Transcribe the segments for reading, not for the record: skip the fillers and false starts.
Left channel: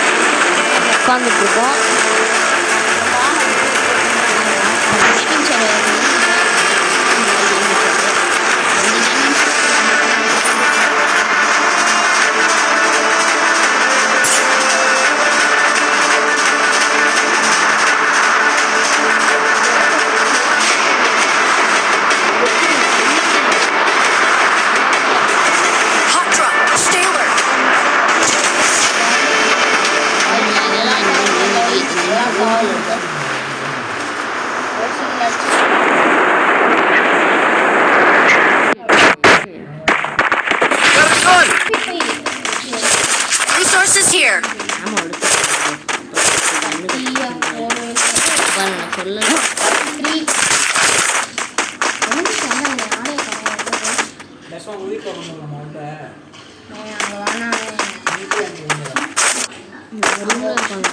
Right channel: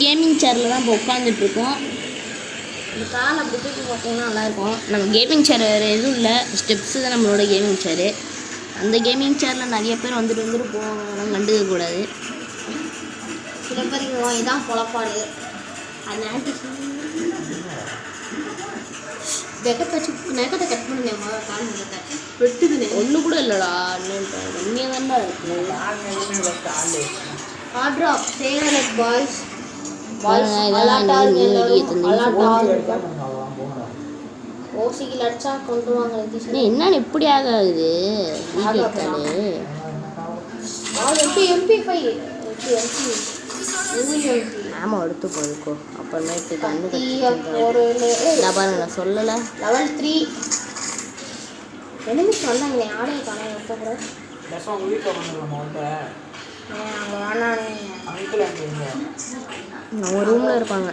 Gaming channel உட்காந்துட்டு இருக்கோம். Gaming channel வேறு எதுவும் இல்லை, ஸ்டெப்ஸ் தான் நம்மளோட கேமிங் சேனல். அந்த கேமிங் சேனல் நிறைய பேர் வந்து ரூம்ல இருப்பாங்க.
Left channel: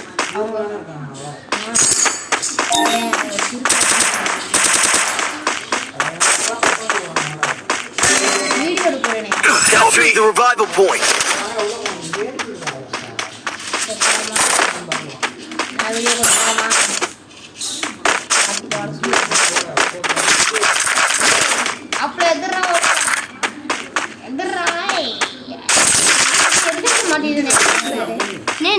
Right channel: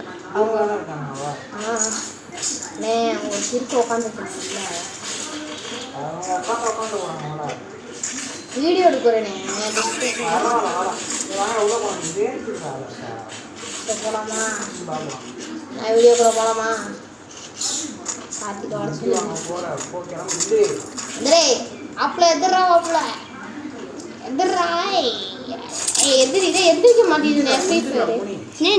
வீடியோ எடுக்கிறேன். வீடியோ போகலாமா? அப்படி எதிரா நீ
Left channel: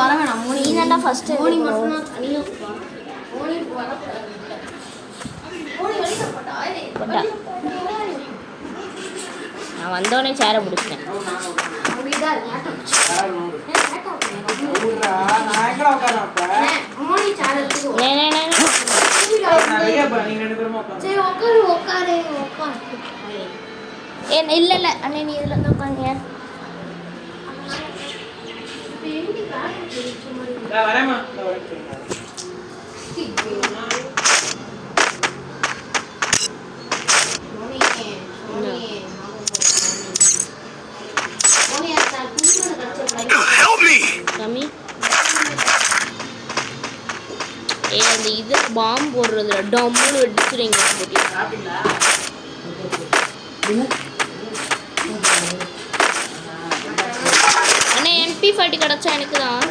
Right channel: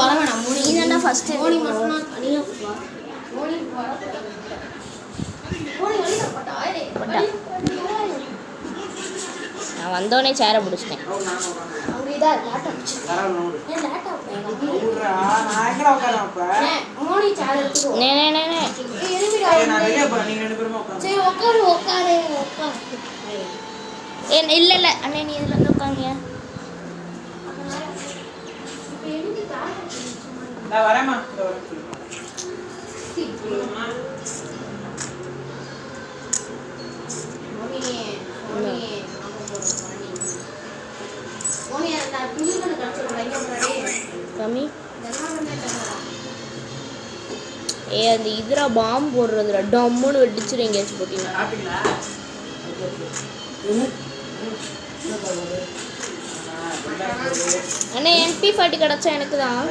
வர வேணாம். நீ ஃபர்ஸ்ட் நான் வந்தோடனே சேரை பிடிச்சிட்டேன். இல்லை இல்லை அண்ணே, நீ இதில் வந்து உட்காருங்க. அந்த இதில் பாம்பு போடுறதுல டம்முன்னு வெடிச்சுட்டு எங்கே போட்டீங்க? அண்ணே MP40 கிடச்சா எனக்கு தான்.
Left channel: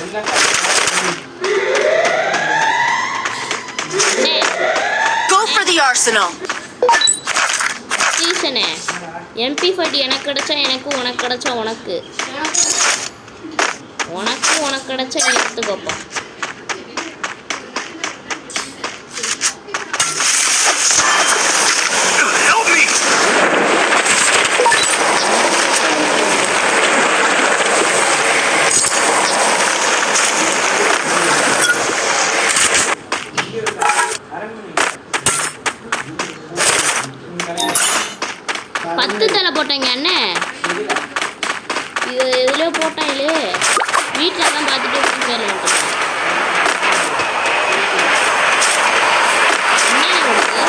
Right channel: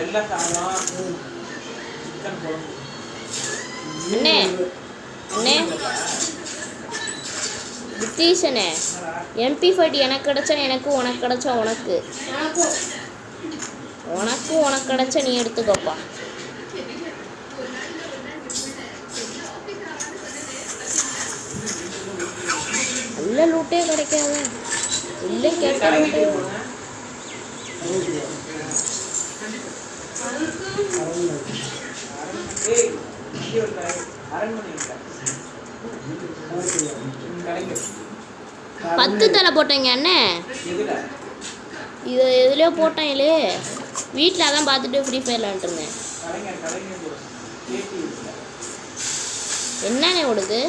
நித்தீஷனே, MP40 எனக்கு கிடச்சா எனக்கு, உனக்கு கிடச்சா உனக்கு, உனக்கு கிடச்சா நீ எடுத்துக்கோப்பா. பத்து தலை போட்டேங்க அண்ணே. இது எதுலையோ போட்டேன் இல்லையே, வீட்டில் அதான் பார்த்துட்டு ஃப்ரீ ஃபயரில் வந்துட்டேங்க. என்னண்ணே உனக்கு?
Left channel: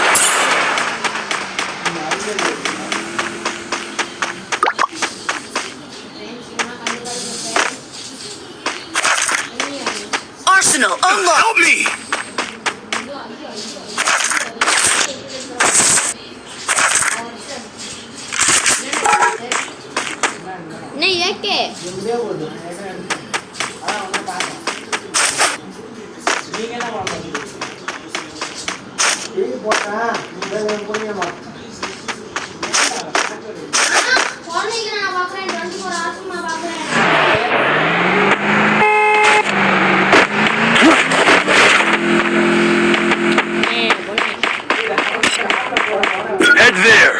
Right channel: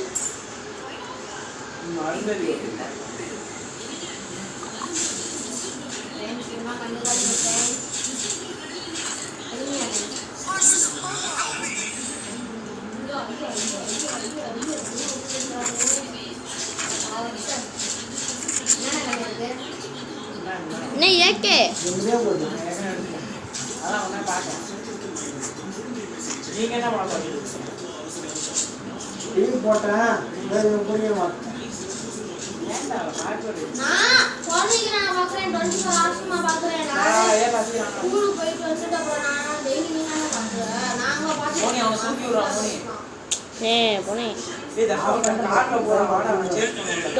Arsenal unlocked. नहीं है के Head there.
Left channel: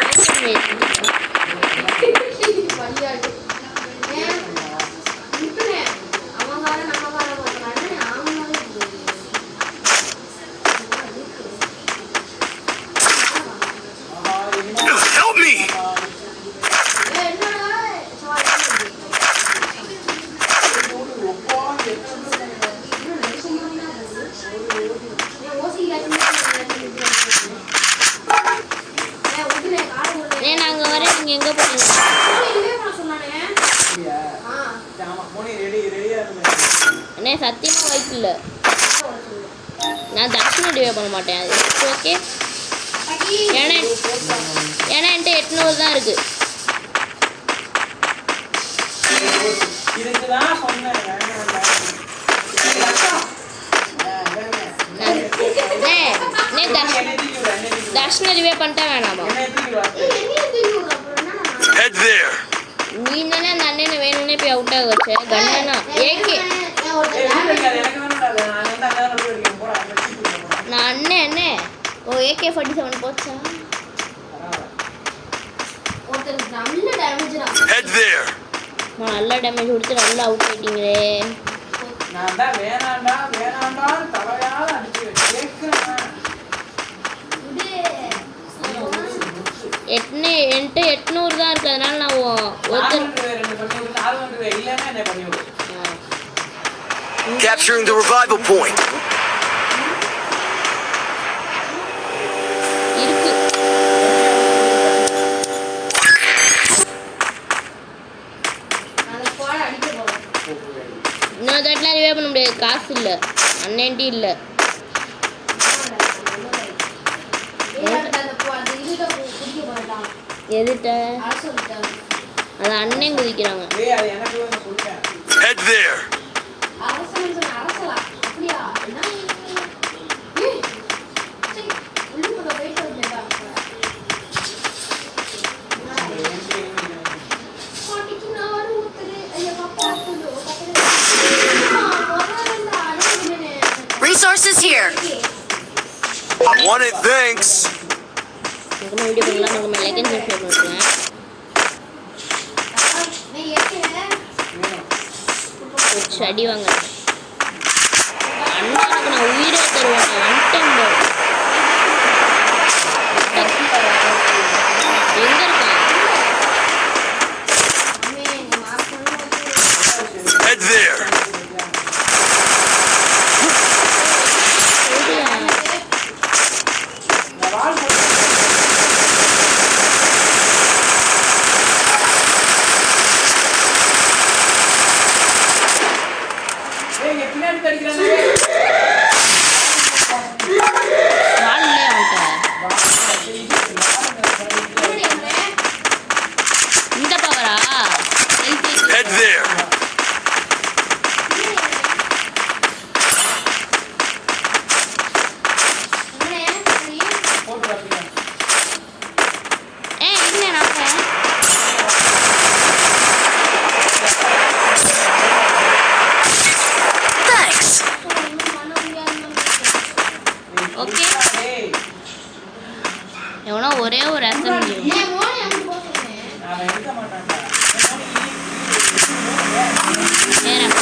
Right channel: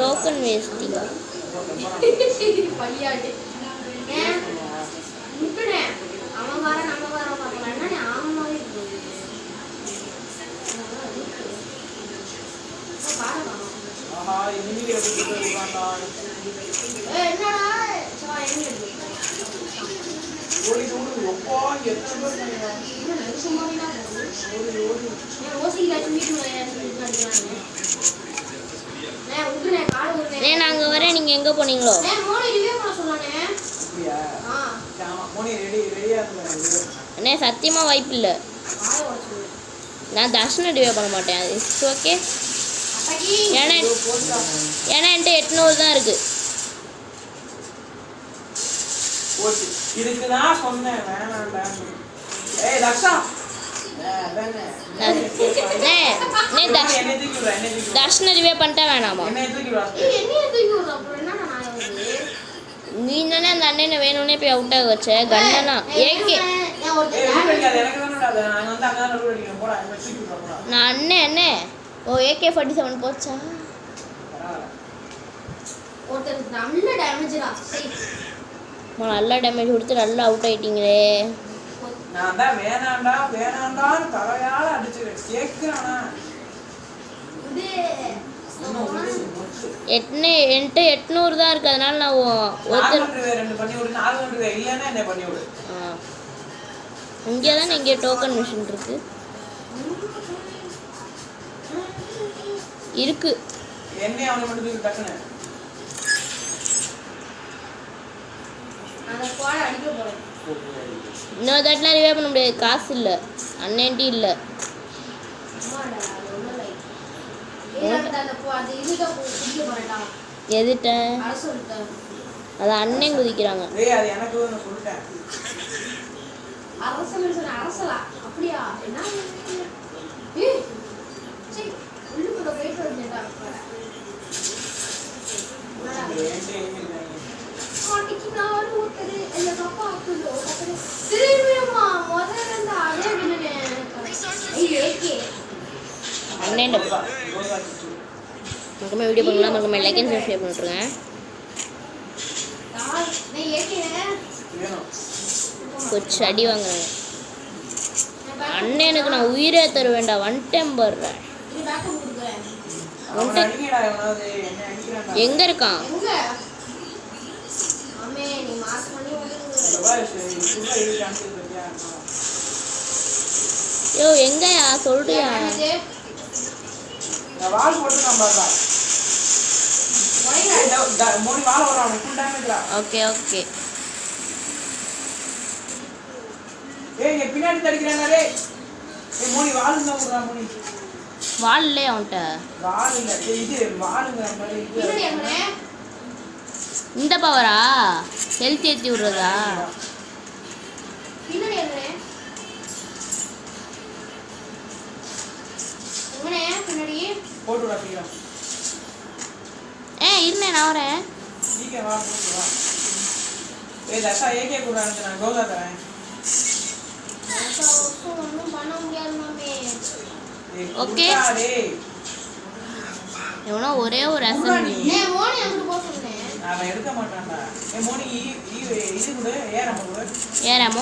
Help me. நாங்க வர நீங்க எங்க போனீங்க? அண்ணே சத்தியமா வாய்ப்பு இல்லை. நான் தர்ஷன் டிவே பண்ண மாட்டேன். ஓகே ஏன்னா என்கிட்ட 800 தான் இருக்கு. இதுக்குதான் சொன்னேன் வேணாம்டா. ஏய் ரத்தம். தர்ஷன ரிவே பண்ணிட்டா வேணாமா? நீ தானே அந்த அண்ணனை வேணும்னே போய் அவுட் ஆக வச்ச. கண்ணனா ஏகே நான் அண்ணே ஓ AK-47 போச்சா? நல்ல டேமேஜ் கொடுத்து நல்லா அவுட் ஆயிட்டீங்களே. நான் தான் வேணாண்டா தலையால அடிச்சு கேக்குறேன். என்கிட்ட 800 தான் இருக்கு. அதனால நான் ஒருத்தர் இருக்கு. இன்னொரு தட்டெலாம் ரிவே பண்ண முடியாது. காசு இல்லை, அண்ணன்ட்டி இல்லை. எதுட்ட அது அண்ணன் குதிக்கிறாங்க. Resources here. Wanted thanks. மறக்காம வீடியோ பண்ணலாம், மறக்காம லைக் அண்ட் சப்ஸ்கிரைப் பண்ணிட்டுருங்க. கொஞ்சம் அடி வாங்குறேன் அண்ணன். எனக்கு நான் உயிரே தருவேன்டா. ஒன் டைம் பார் எங்க இருக்கான்? எங்க சொல்றியா? வால்லே அவன்கிட்ட இந்த பவரா ஹெல்த் ஏற்றி விடுறதா? இருந்தேன் நான் வரேன். ஓகே எவனோ ஒரே ஒரு அசம்பிளி ஏறாம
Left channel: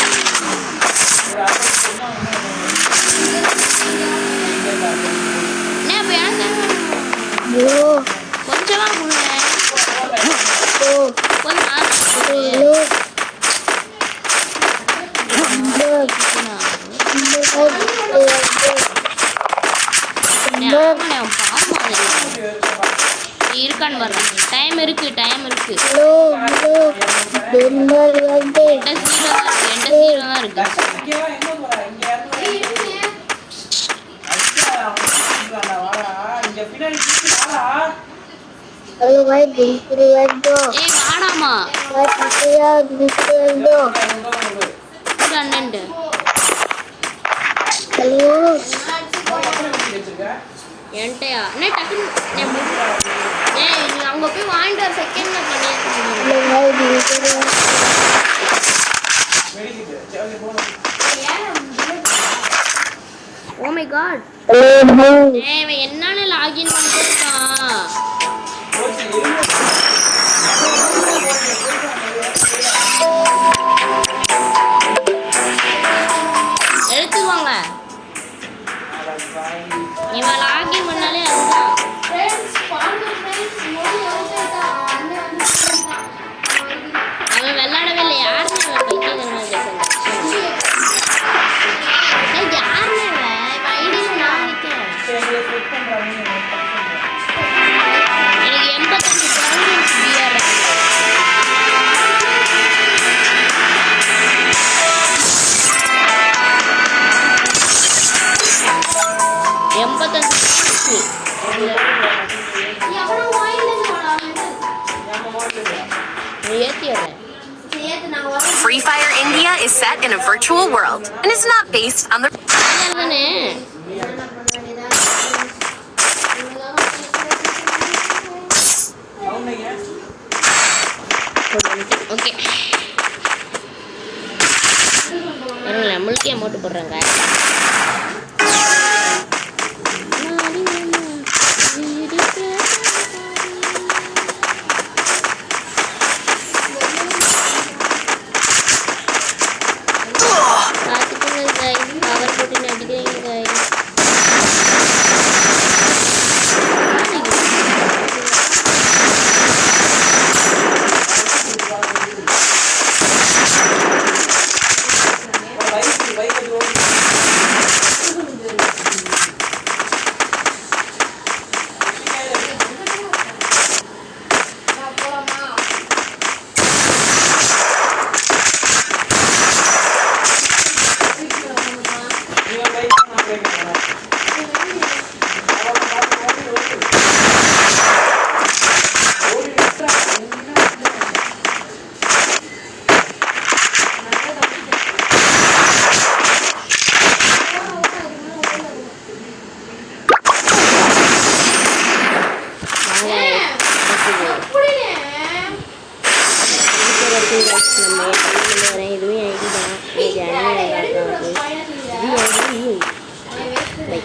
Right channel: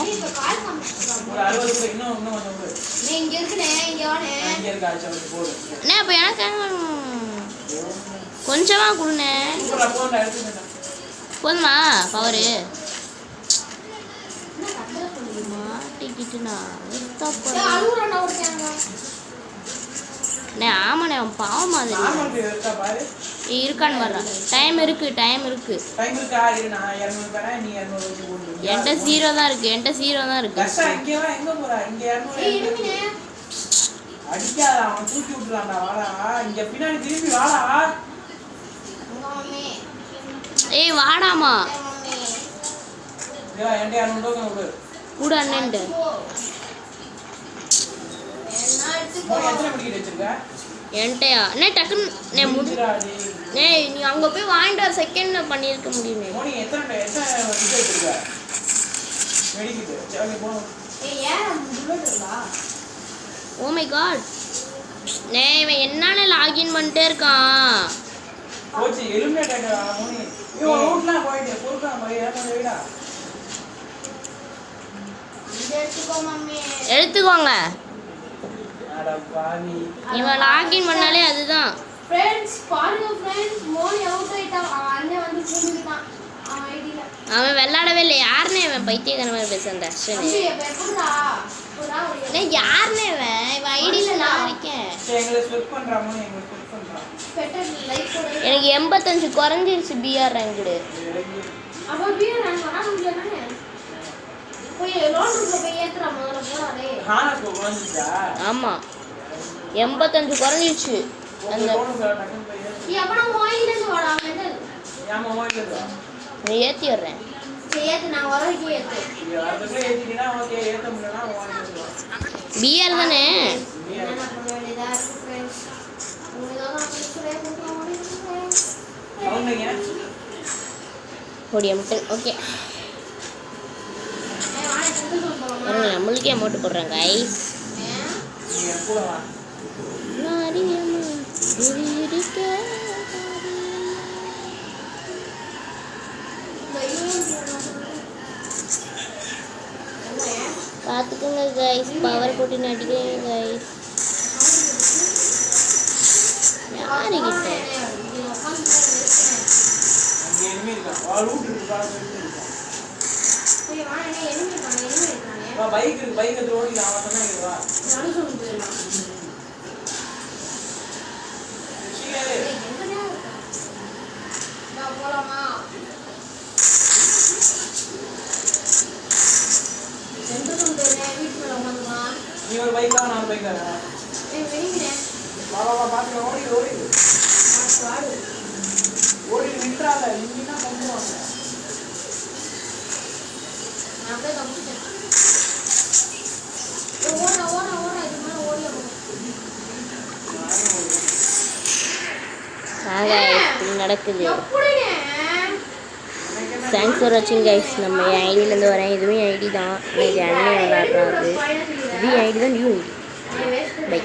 என்ன இப்போ எனக்கு கொஞ்சமா கொடுங்க. போதுமா அவரு? ஆமாண்ணே அவன் பாவம் மாதிரி இருக்கான்னு வர்றான். டைம் இருக்கு என்கிட்ட 0 தான் இருக்கு. ஏய் வாடாமா கூட அண்ணன்ட்டு என்கிட்டயா என்ன டக்குன்னு நீ அங்கே போய் வாங்கிட்டு வர செகண்ட் பண்ணியிருக்க முடியும். ஓ மை காட் இவன் என்னன்னு லாகின் பண்ணிட்டே இருக்கான். எடுத்துக்கோங்க. இவன் லாகின் பண்ணாலே அதுதான். அவன் விளையாடவே இல்லை. யாருன்னு இவன் பைத்தியக்காரமாக பேசுறேன். யாருன்னு இவன் ஐடியும் நான் இருக்கேன். எனக்கு 85 குறைஞ்சிருச்சு பிஆர் ரேங்கு. ஆமாம் 85 குறைஞ்சிருச்சு. நீ ஏற்றி விடுறேன். Free Fire India is set in a virtual world and is not based on the PR தானே? ஓகே பாருங்களேன், முழுக்கே அமௌண்ட் போடுறாங்க. பார்த்துக்கோங்க கைஸ், பவர் போட்டு அடிக்கிறீங்க கைஸ். நடக்குது. தேங்க்ஸ் ஃபார் வாட்சிங் கைஸ். நம்ம ஐடியிலேருந்து வரேன். இதுவும் ஐடி தான். இது அண்ணன் விளாட்றாரு. இது ஐடியும் நியூ ஐடி. பை.